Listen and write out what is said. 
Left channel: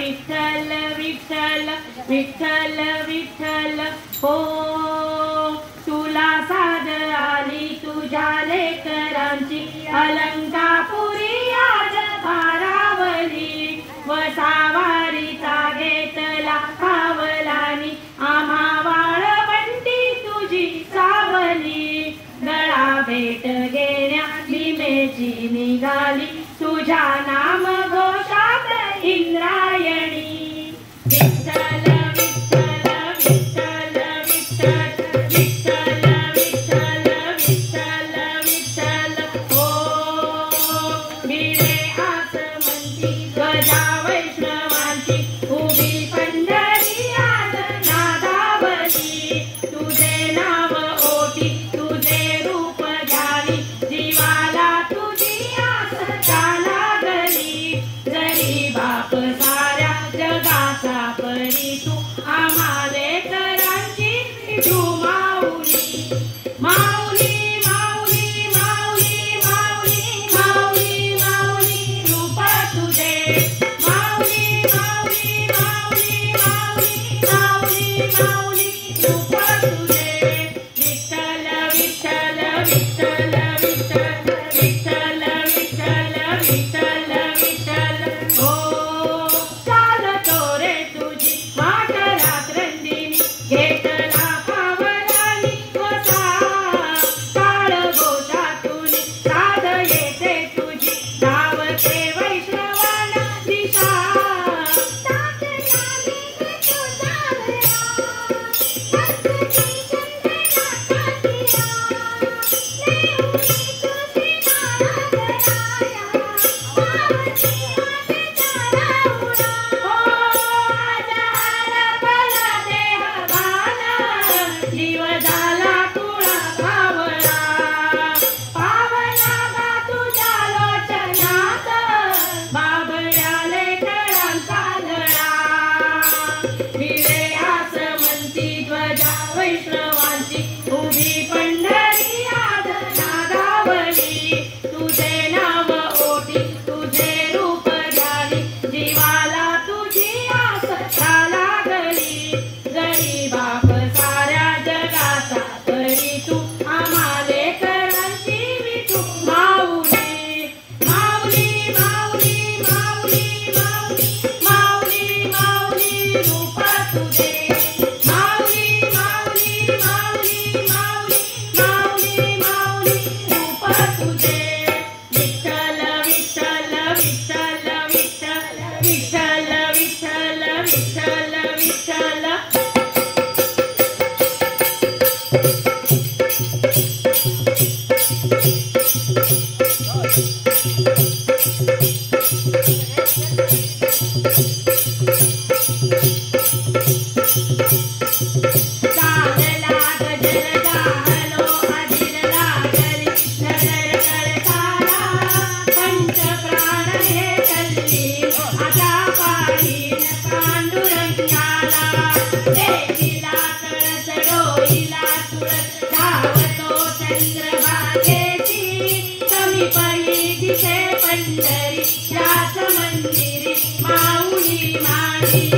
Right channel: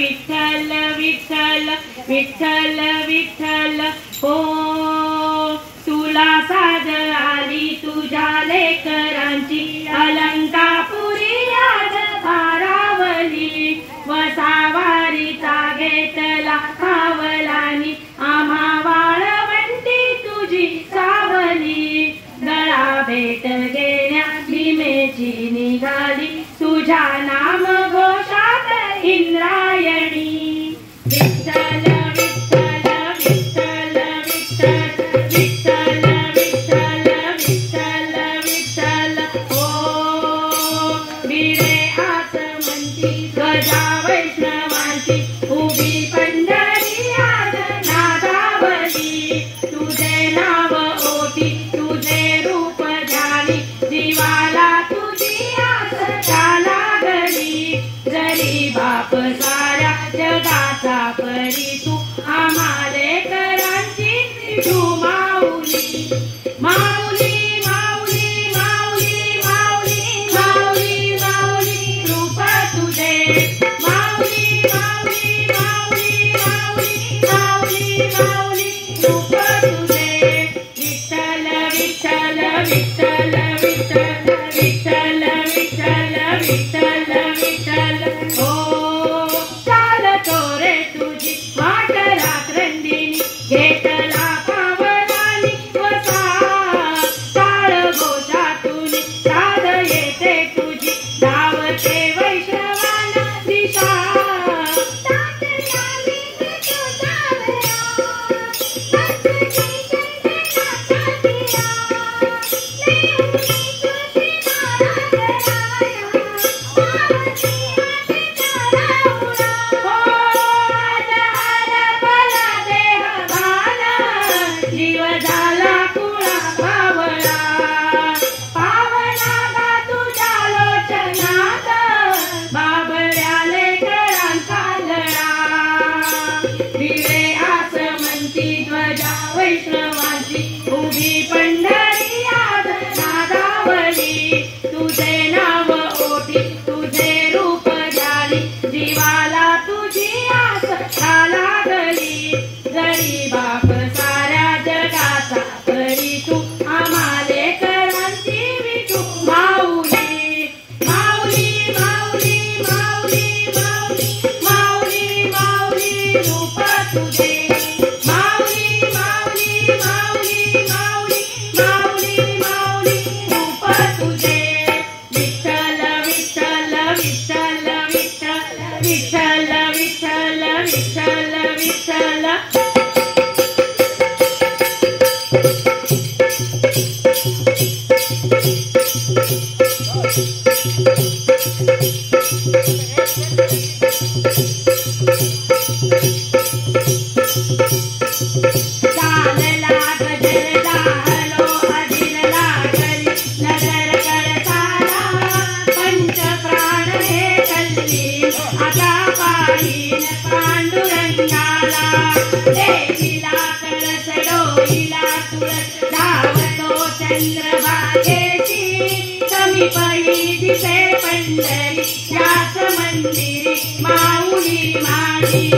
विठ्ठल विठ्ठल विठ्ठल विठ्ठल हो तुला साज आली तुझ्या लेकरांची अलंकापुरी याद भारावली वसावारीचा घेतला मावलानी आम्हा वाळवंटी तुझी सावली गळा भेट घेण्या भीमेची निघाली तुझ्या नाम घोषात इंद्रायणी विठ्ठल विठ्ठल विठ्ठल विठ्ठल विठ्ठल विठ्ठल विठ्ठल विठ्ठल हो बिरे आस म्हणती गजा वैष्णवांची उभी पंढरी आज नादावली तुझे नाव ओटी तुझे रूप झाली जीवाला तुझी आस लागली जरी बाप साऱ्या जगाचा परी तू आम्हाले करांची विठू माऊली माऊली माऊली माऊली माऊली माऊली माऊली रूप तुझे माऊली माऊली माऊली माऊली माऊली माऊली रूप तुझे विठ्ठल विठ्ठल विठ्ठल विठ्ठल विठ्ठल विठ्ठल विठ्ठल विठ्ठल हो चालतो रे तुझी वाट रात्रंदिनी घेतला पावलानी वसा काळ घोषातून साध येते तुझी धावते वैष्णवाना दिशा जीव झाला कुळा भावला पावला बा तुझ्या लोचनात बाबड्याले गळांचा गळा विरे आस म्हणती ध्वजा वैष्णवाची उभी पंढरी आज नादावली तुझे नाव ओटी तुझे रूप झाली जीवाला तुझी आस लागली जरी बाप साऱ्या जगाचा तरी तू आम्हाले करांची विठू माऊली माऊली माऊली माऊली माऊली माऊली माऊली रूप तुझे माऊली माऊली माऊली माऊली माऊली माऊली रूप तुझे विठ्ठल विठ्ठल विठ्ठल विठ्ठल विठ्ठल विठ्ठल विठ्ठल विठ्ठल चालला गजर जाहलो अधीर लागली नगर कळसाला पंचप्राण हे चलली आता पायीन पांडुरंगाला देवीला कळस डोईला तुळस धावतो चंद्रभागेची समीपही दिसे पंढरी याच मंदिरी माऊली माझी